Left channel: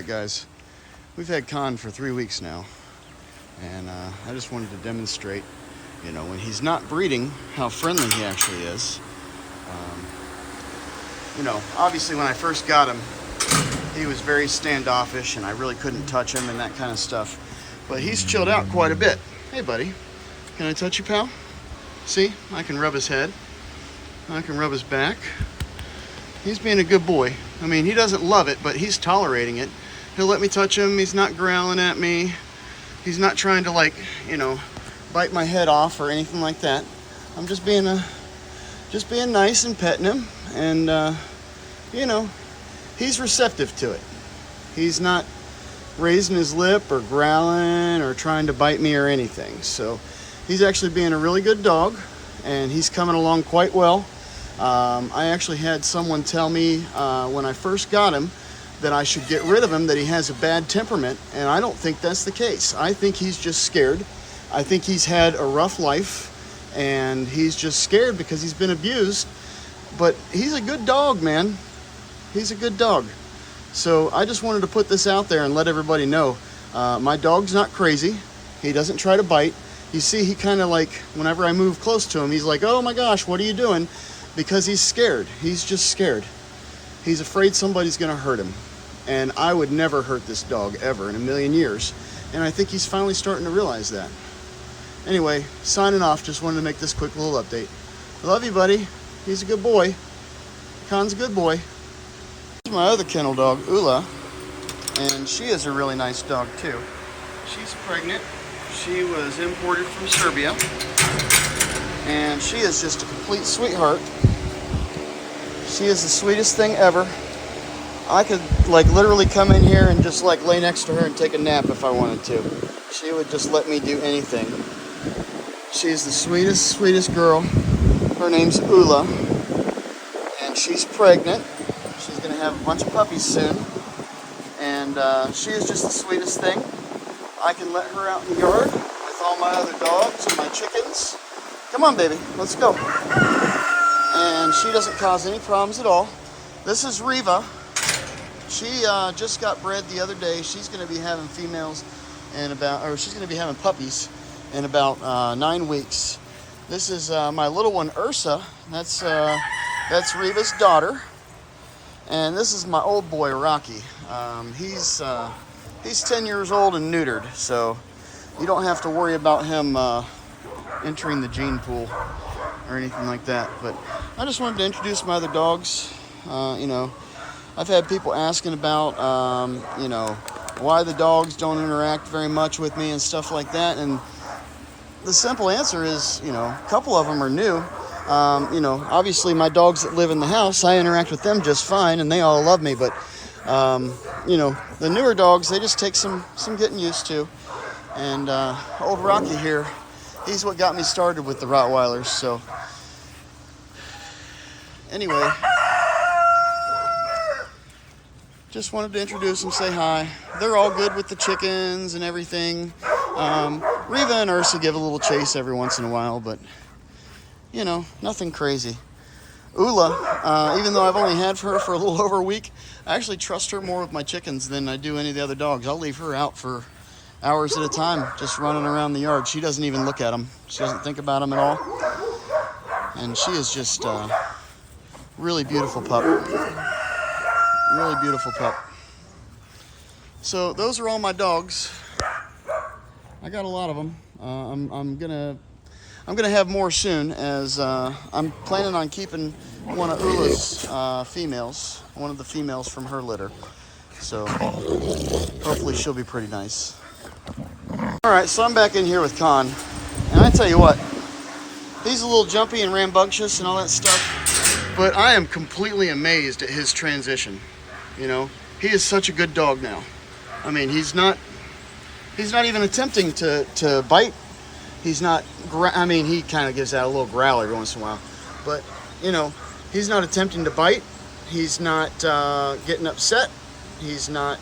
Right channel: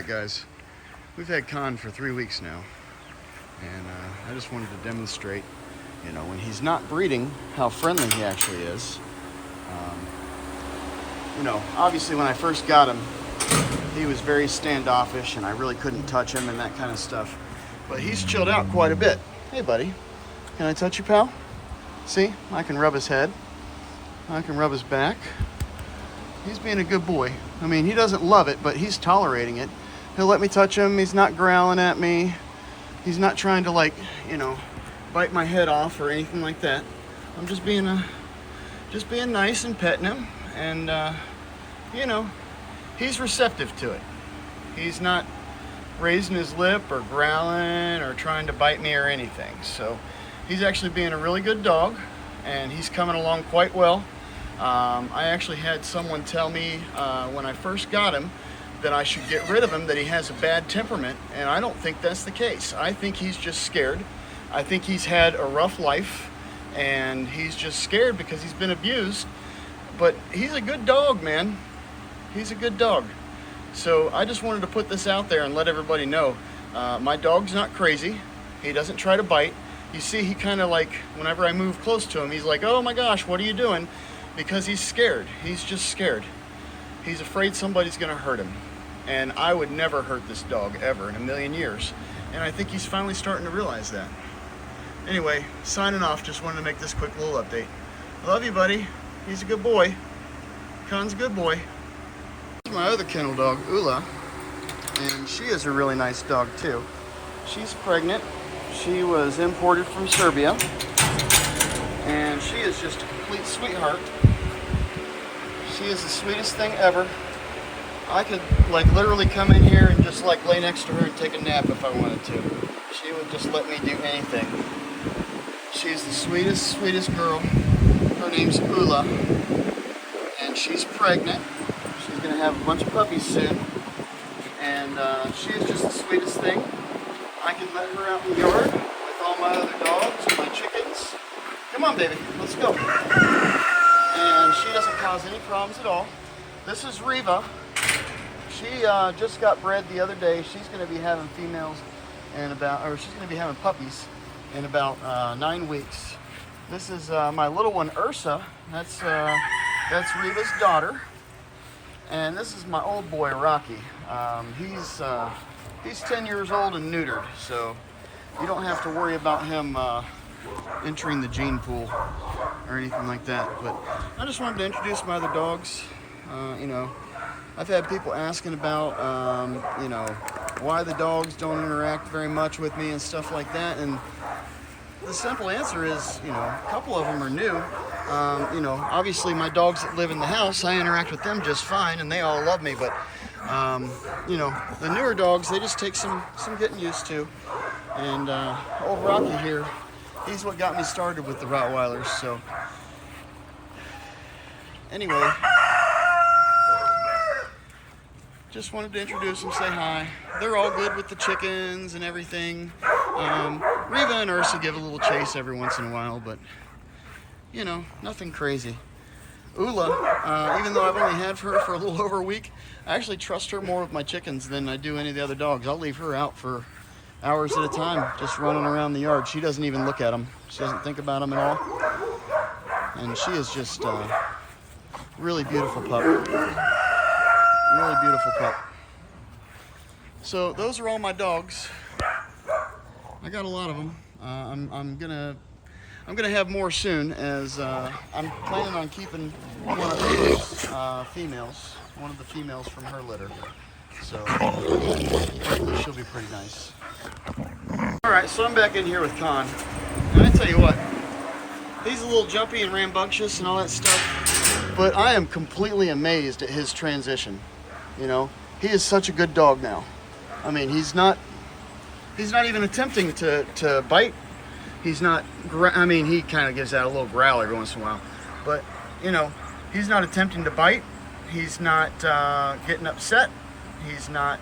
Alright guys, we've had Con for 3 weeks now, and I just wanted to demonstrate, you know, when he's not breeding, how friendly he actually is. You know, obviously when I first got him, he was very standoffish and I really couldn't touch him and that kind of stuff. But he's chilled out quite a bit. Hey buddy, can I touch you, pal? See, I can rub his head. I can rub his back. He's being a good boy. I mean, he doesn't love it, but he's tolerating it. He'll let me touch him. He's not growling at me. He's not trying to, like, you know, bite my head off or anything like that. I'm just being nice and petting him, and you know, he's receptive to it. He's not raising his lip or growling or trying to bite me or anything. So he's actually being a really good dog, and he's coming along quite well. I actually had someone tell me when I first got him that I should get rid of him, that he has a bad temperament, and I don't think that's the case. I think he's just scared. I think he's had a rough life, and he's just scared because he's been abused. But he's a good dog, man. He's a good dog. So I just wanted to put this out there and let everybody know. My dog's not crazy. He doesn't try to bite. You see, he kind of, like, whenever I move close to him, he's like, oh my gosh, what are you doing? Because he's scared. He's just scared. He's afraid somebody's gonna hurt him. And I would never hurt this dog ever in a million years. And I think he's finally starting to realize that. Anyway, signing off, just wanted to make this quick little update. Love you, buddy. He's a good boy. Con's a good boy. This is my other kennel dog, Ula, and she is a really nice dog too. She's pregnant. She was imported from Serbia, and she is just a complete sweetheart. She is the sweetest thing ever. I could, like, literally come in here and just, like, lay next to her and take a nap if I wanted to. She would just let me do anything. She's the sweetest, sweetest girl. Her name's Ula, and she's pregnant. She's gonna have a bunch of puppies soon, and she is just the sweetest thing. I can let her out in the yard with all my other dogs and my chickens. Come on, baby, let's go. And she doesn't cause any problems at all. This is Riva. She just got bred the other day. She's going to be having females in about, or she's going to be having puppies in about 9 weeks. This is my little one, Ursa. That's Riva's daughter. And this is my old boy, Rocky. He's 10 years old and neutered, so you don't have to worry about him entering the gene pool or anything like that. But I just wanted to introduce my other dogs. You know, I've had people asking about, you know, why the dogs don't interact very much with me and stuff like that. And the simple answer is, you know, a couple of them are new. You know, obviously my dogs that live in the house, I interact with them just fine and they all love me. But, you know, the newer dogs, they just take some getting used to. And old Rocky here, he's what got me started with the Rottweilers. So anyway, just wanted to introduce them, say hi. They're all good with the chickens and everything. Riva and Ursa give a little chase every once in a while, but, you know, nothing crazy. Ula, even though I've only had her for a little over a week, I actually trust her more with my chickens than I do any of the other dogs. I'll leave her out for hours at a time, just running around the yard. She doesn't even look at them. She doesn't think about them at all. And she is just a really beautiful pup. Really beautiful pup. So those are all my dogs. I got a lot of them. I'm gonna have more soon, as I'm planning on keeping one of Ula's females, one of the females from her litter. So hopefully she'll be pretty nice. All right, so I'm back in here with Con, and I tell you what, he's a little jumpy and rambunctious and all that stuff, but I am completely amazed at his transition. You know, he is such a good dog now. I mean, he's not even attempting to bite. He's not, I mean, he kind of gives out a little growl every once in a while, but, you know, he's not attempting to bite. He's not getting upset. He's not,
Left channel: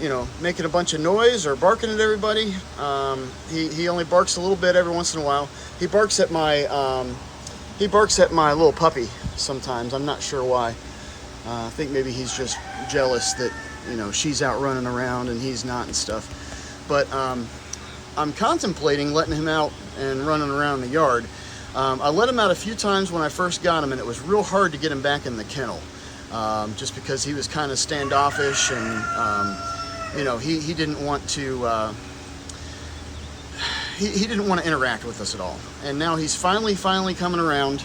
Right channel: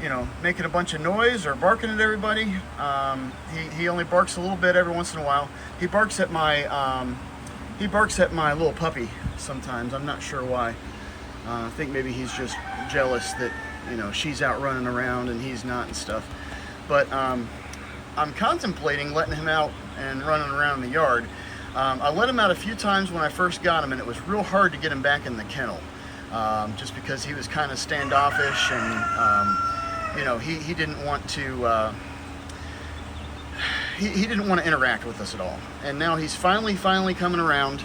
you know, making a bunch of noise or barking at everybody. He only barks a little bit every once in a while. He barks at my little puppy sometimes. I'm not sure why. I think maybe he's just jealous that, you know, she's out running around and he's not and stuff. But I'm contemplating letting him out and running around the yard. I let him out a few times when I first got him, and it was real hard to get him back in the kennel, just because he was kind of standoffish, and you know, he didn't want to he didn't want to interact with us at all. And now he's finally coming around.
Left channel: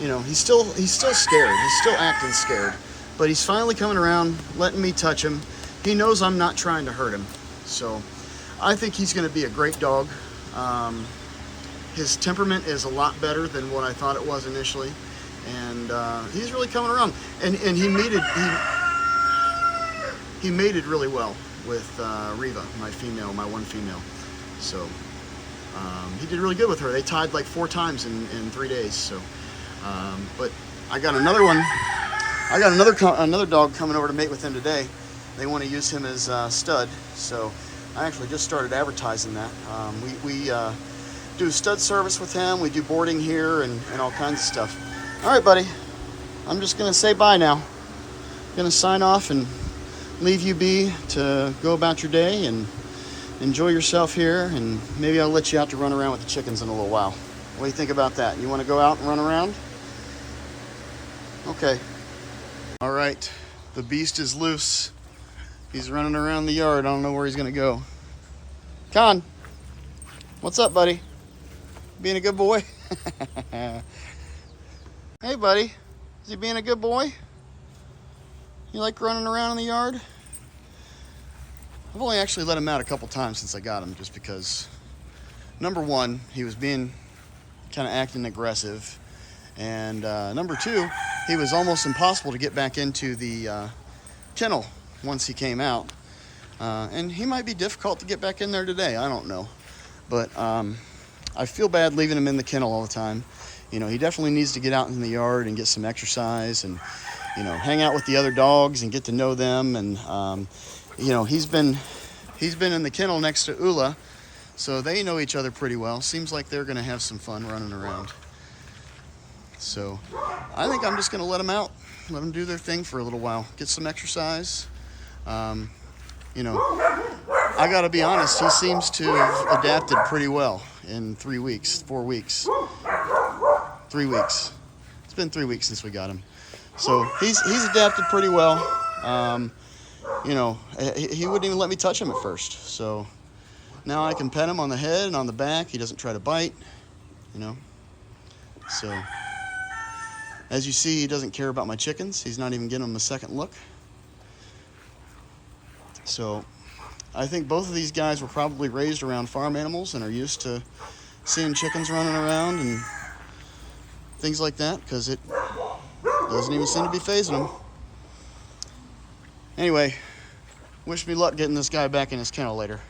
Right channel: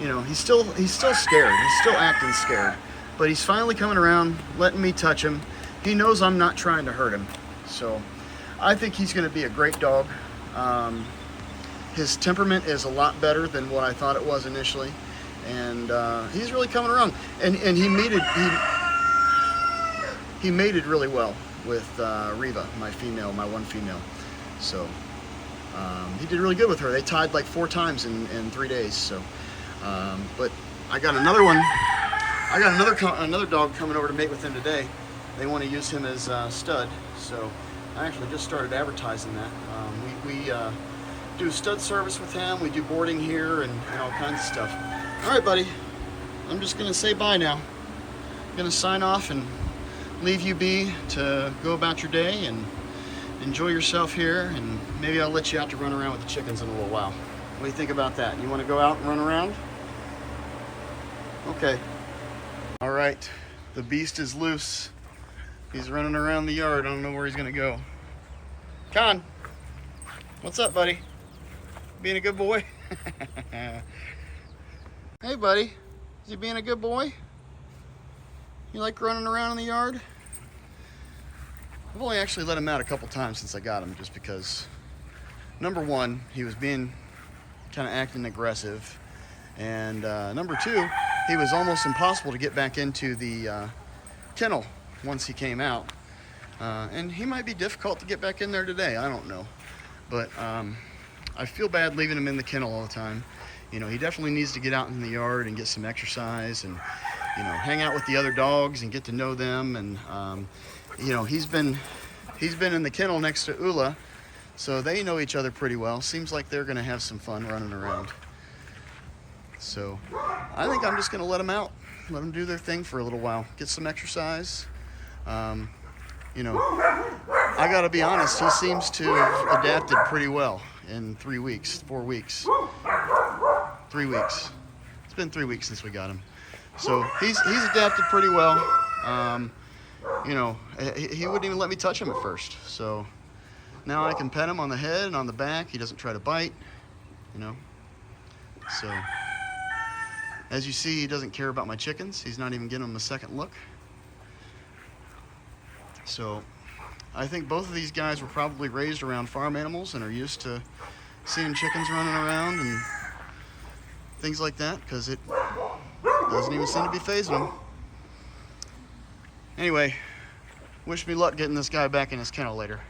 You know, he's still scared. He's still acting scared, but he's finally coming around, letting me touch him. He knows I'm not trying to hurt him, so I think he's going to be a great dog. His temperament is a lot better than what I thought it was initially, and he's really coming around. And he mated really well with Riva, my one female. So he did really good with her. They tied like 4 times in 3 days. So, but I got another one. I got another dog coming over to mate with him today. They want to use him as stud. So I actually just started advertising that. We do stud service with him. We do boarding here and all kinds of stuff. All right, buddy. I'm just gonna say bye now. I'm gonna sign off and leave you be to go about your day and enjoy yourself here, and maybe I'll let you out to run around with the chickens in a little while. What do you think about that? You want to go out and run around? Okay. All right. The beast is loose. He's running around the yard. I don't know where he's gonna go. Con, what's up, buddy? Being a good boy? Hey, buddy. Is he being a good boy? You like running around in the yard? I've only actually let him out a couple times since I got him, just because, number one, he was being kind of acting aggressive, and number two, he was almost impossible to get back into the kennel once he came out. And he might be difficult to get back in there today. I don't know. But I feel bad leaving him in the kennel all the time. You know, he definitely needs to get out in the yard and get some exercise and, you know, hang out with the other dogs and get to know them. And, you know, he's been in the kennel next to Ula, so they know each other pretty well. Seems like they're going to have some fun running around. So I think I'm just going to let them out, let them do their thing for a little while, get some exercise. You know, I got to be honest, he seems to have adapted pretty well in 3 weeks, 4 weeks. 3 weeks. It's been 3 weeks since we got him. So he's adapted pretty well. You know, he wouldn't even let me touch him at first. So now I can pet him on the head and on the back. He doesn't try to bite, you know. So as you see, he doesn't care about my chickens. He's not even giving them a second look. So I think both of these guys were probably raised around farm animals and are used to seeing chickens running around and things like that, because it doesn't even seem to be fazing them. Anyway, wish me luck getting this guy back in his kennel later.